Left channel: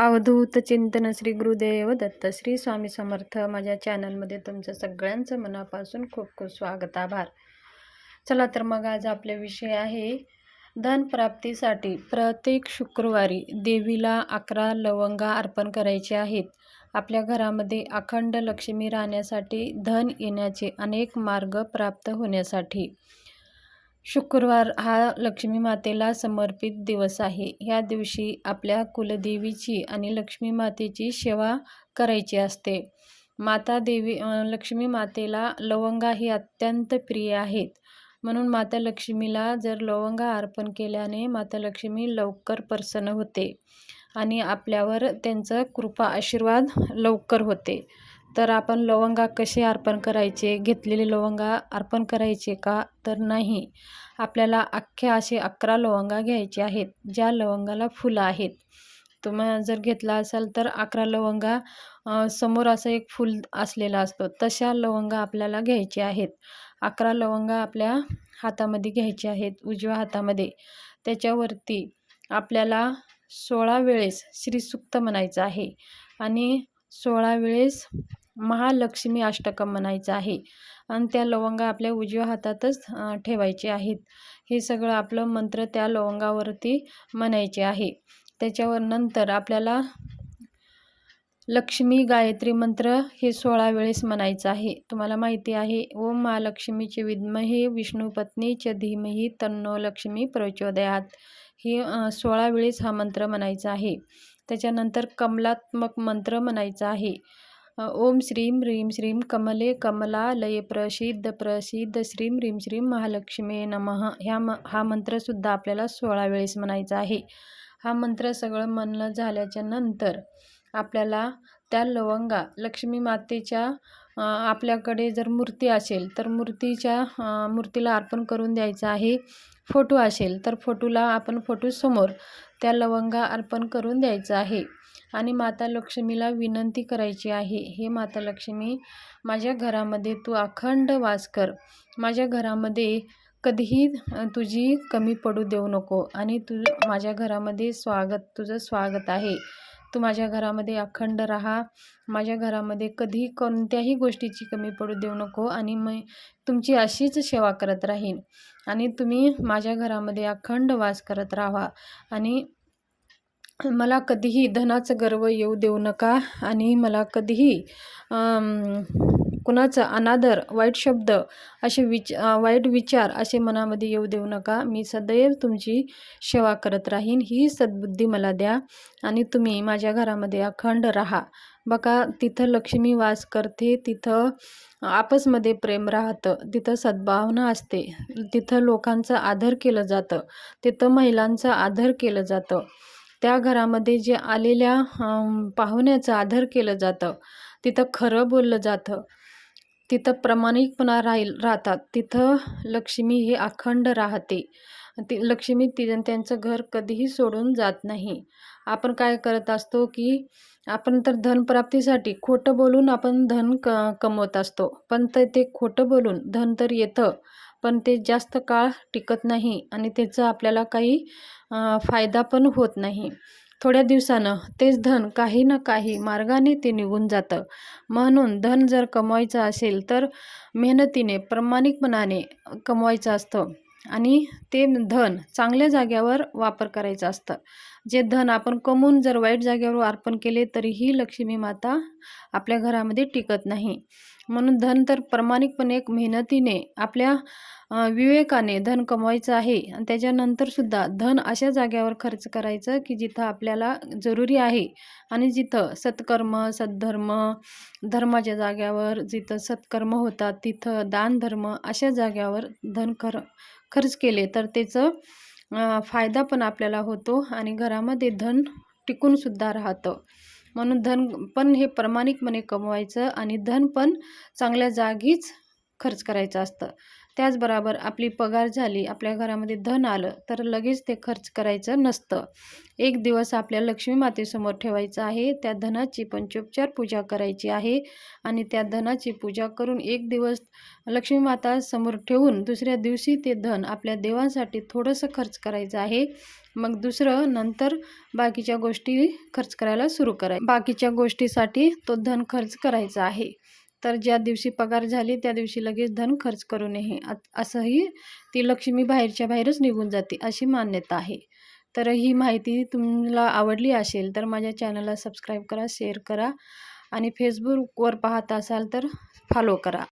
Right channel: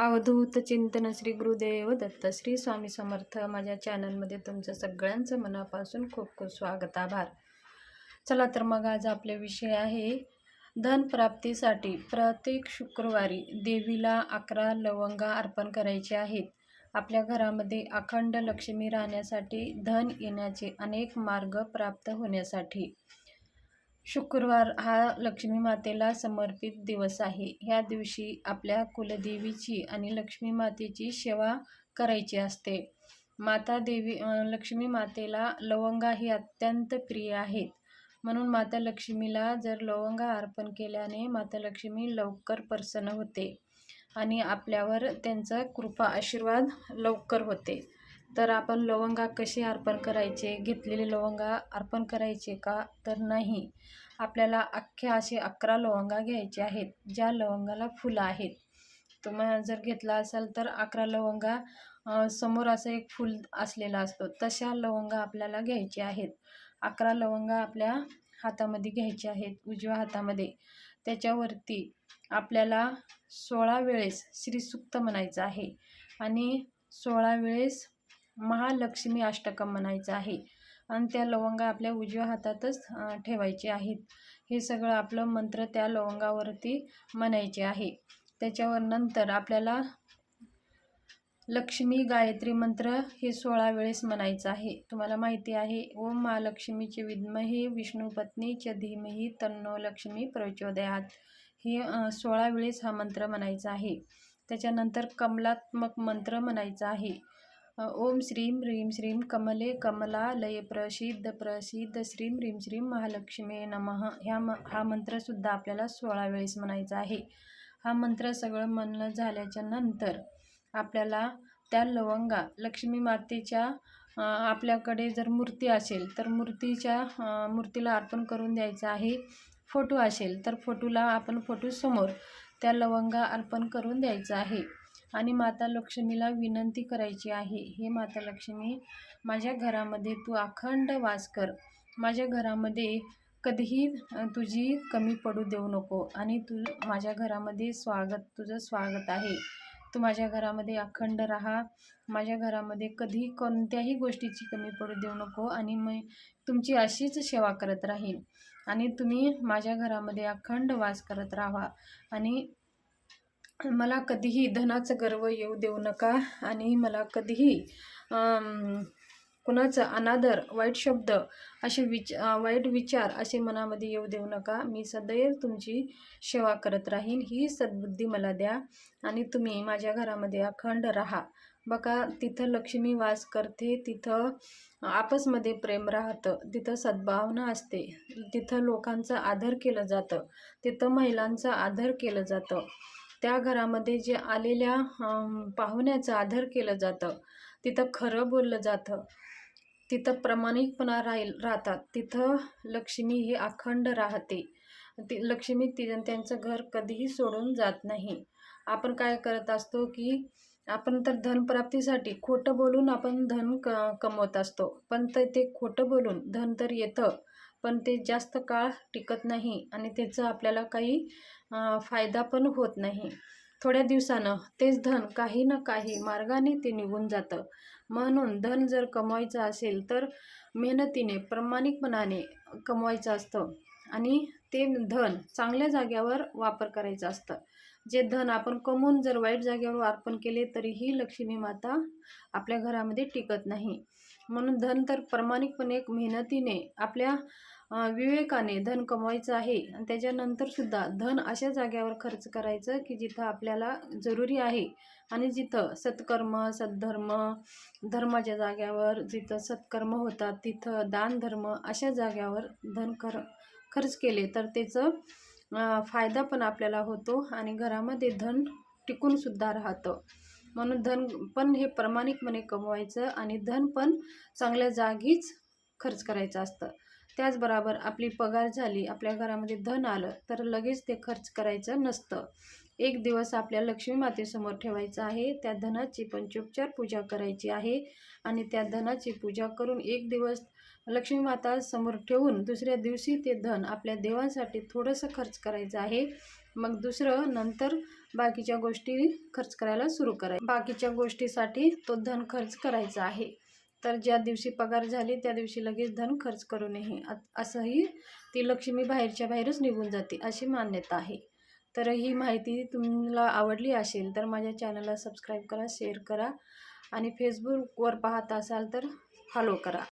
अवधूत चिंतन श्री गुरुदेव दत्त श्री स्वामी समर्थ. माझ्या चॅनलमध्ये तुमचं सगळ्यांचं मनापासून खूप खूप स्वागत आभार. चला तर मग आज आपले विषय आहे धन प्राप्तीसाठी प्रत्येक शुक्रवारी देवीला अकरा लवंगा अर्पण करायचे आहेत. आपल्या घरामध्ये अखंड लक्ष्मी राहण्यासाठी धन येण्याचे अनेक मार्ग प्राप्त होण्यासाठी शुक्रवार हा लक्ष्मी मातेला समर्पित दिवस आहे. ह्या दिवशी आपल्या कुलदेवीची आणि लक्ष्मी मातेची सेवा करायची असते. माता देवी लक्ष्मी मातेला लवंगा ही अत्यंत प्रिय आहेत. म्हणून माता लक्ष्मीला जर लवंगा अर्पण केल्याने माता लक्ष्मी लवकर प्रसन्न होते आणि आपल्यावर त्यांचं कृपा आशीर्वाद लवकर होते. तर आपण लवंगा कसे अर्पण करायचे? घेतलेले लवंगा अर्पण करायचे का? तर नाही. आपल्याला अख्खे असे अकरा लवंगा घ्यायचे आहेत ज्या लवंगाला फुलं आहेत. तुम्ही जर घेतला असाल तर अकरा लवंगा समोर असं एक फूल असलेला असतो. तशा लवंगा आपल्याला घ्यायचे आहेत. अकरा लवंगा आपल्या हातामध्ये घ्यायचे आहेत उजव्या हातामध्ये. त्याच्यावरती आपल्याला सोळा वेळेस श्रीसुक्त म्हणायचं आहे. आणि सोळा वेळेस महालक्ष्मी अष्टकम म्हणायचं आहे. आणि त्या लवंगा आपल्या उजव्या हातातच ठेवायचे आहेत. हे सगळं आपलं मंत्र त्या लवंगावरती म्हणायचे आहे. त्याच्यावर नंतर आपल्याला लक्ष्मी गायत्री मंत्र हे सोळा वेळेस म्हणायचं आहे. तुम्हाला माहिती आहे ओम महालक्ष्मीचे विद्महे विष्णुपत्नी च धीमही तन्नो लक्ष्मी प्रचोदयात. हे सोळा वेळेस हा मंत्र म्हणायचा आहे. त्याच्यानंतर कमलात्मक मंत्र म्हणायचा आहे. ओम श्रीम ह्रीं श्रीम कमले कमला लय प्रसिद्ध प्रसिद्ध श्रीम ह्रीं श्रीं महालक्ष्मी नमः. ह्या म हा मंत्रसुद्धा आपल्याला सोळा वेळेस म्हणायचा आहे. हा मंत्र सगळं म्हणणं झाल्याच्यानंतर आपल्याला त्या लवंगा लक्ष्मी मातेच्या आपल्याकडे जर मूर्ती असेल तर मूर्तीच्या मूर्तीला अर्पण करून द्यायचं आहे. फोटो असेल तर फोटोला आपण फोटोसमोर त्या लवंगा अर्पण करून द्यायचं आहे. आणि माता लक्ष्मीला विनंती करायची आहे हे माता लक्ष्मी माझ्या घरामध्ये तू अखंड वास कर. माझ्या घरामध्ये कधीही तुझी कमी पडू देऊ नको आणि तू माझ्या घरामध्ये स्वागत तुझं स्वागत आहे. तू माझ्या घरामध्ये अखंड राहा. माझ्या घरामध्ये कधी कोणत्याही गोष्टीची कमी पडू देऊ नको आणि मी तुमची अशीच सेवा करत राहीन. आणि तुम्ही माझ्या घरामध्ये अखंड वास करत राहा आणि मला कधीही धनाचं गर्व येऊ देऊ नका आणि मला कधीही कुणाचा अनादर वाईट शब्द असे विच वाईट विचार असे मनामध्ये येऊ देऊ नका. मी सदैव तुमची सेवा करत राहीन. ही सद्बुद्धी मला द्या आणि तुम्ही माझ्या घरामध्ये अखंड राहा. बघा तिथं लक्ष्मी वास करते तिथं आपसमध्ये प्रेम राहतं तिथं सद्भावना असते तिथं लोकांचं आदर केलं जातं तिथं महिलांचं आदर केलं जातं. त्या घरामध्ये जे आलेल्या पाहुण्याचं आदर केलं जातं. तिथं खरं बोललं जातं. तिथं प्रामाणिकपणा राहील राहतात. तिथं लक्ष्मी हे अखंड राहते. ती लक्ष्मी ति त्यांचं घर कधीही सोडून जात नाही. आपण काय करत असतो की आपण तर धनप्राप्तीसाठी खोटं बोलून आपण धन क कमवत असतो. पण तर ते खोटं बोलून धन तर येतं. पण ते जास्त काळ टिकत नाही आणि त्याचा आपल्याला काही फायदा पण होत नाही. थोड्या दिवसानं तेच धन काही ना काही मार्गाने ते निघून जातं. म्हणून धन जर कमवायचं असेल तर मेहनतीने प्रामाणिकपणाने कमवायचं असतं आणि ते धन चांगल्या जाग्यावर वापर करायचं असतं. जे धन आपण कमवून जर वाईट जागेवर अर्पण केले तरीही लक्ष्मी माता आपल्या घरामध्ये टिकत नाही. म्हणून धन तर प्रामाणिकपणे मेहनतीने आपल्या विवेकाने धन कमवायचं आहे. आणि त्याच्यानंतरसुद्धा धन अशा जाग्यावर खर्च करायचं की जिथं आपल्याला जरुरी आहे. आणि जिथं सत्कर्म सद्धर्म धर्माच्या जाग्यावर जिथं सत्कर्म होतात तिथं दानधर्म अशा जाग्यावर धन खर खर्च केले तर त्याचं फायदा पण आपल्याला होतो आणि घरामध्ये धन टिकूनसुद्धा राहतं. म्हणून धन पण हे प्रामाणिकपणे कमवायचं आणि धन पण चांगल्या जागीच खर्च करायचं असतं. त्याचबरोबर आपली पगार झाली आपल्या घरामध्ये धन आलं तर लगेच ते खर्च करायचं नसतं. एक दिवस आपल्या लक्ष्मी मातेसमोर ठेवायचं आहे त्या धनाची पंचोपचार पूजा करायची आहे आणि त्या धनाची पूजा करून एक दिवस लक्ष्मी माता समोर ठेवून दुसऱ्या दिवशी ते धन आपल्या देवांसाठी थोडंसं खर्च करायचं आहे. मग दुसरं नंतर बाकीच्या गोष्टी खर्च करायला सुरू करायचं बाकीच्या गोष्टीसाठी तो धन खर्च करायचा आहे. तर ज्या दिवशी पगार झाली त्या दिवशी लगेच धन खर्च करू नये. असंही ती लक्ष्मी बाहेरच्या बाहेरच निघून जाते अशी मान्यता आहे. तर ही माहिती तुम्हाला आवडली असेल तर माझ्या चॅनलला सबस्क्राईब करा शेअर करा आणि फेसबुकवर पाहत असाल तर फॉलो करा.